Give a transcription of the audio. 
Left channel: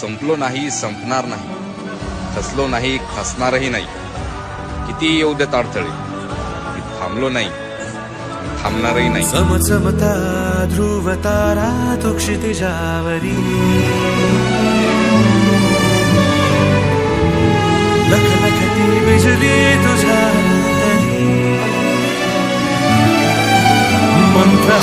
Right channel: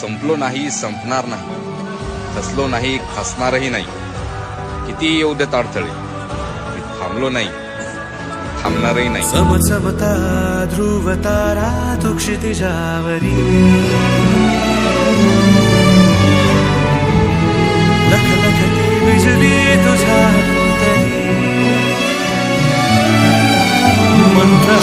संपलो नाही, संपणार नाही, खचलो नाही, खचणारही नाही. किती येऊ देत अडथळे, मी थांबलो नाही, थांबणारही नाही. समचमता ध्रुव तारा तो क्षितिजावरी, लख लखती बिजली तुझ्या तरी मंत्र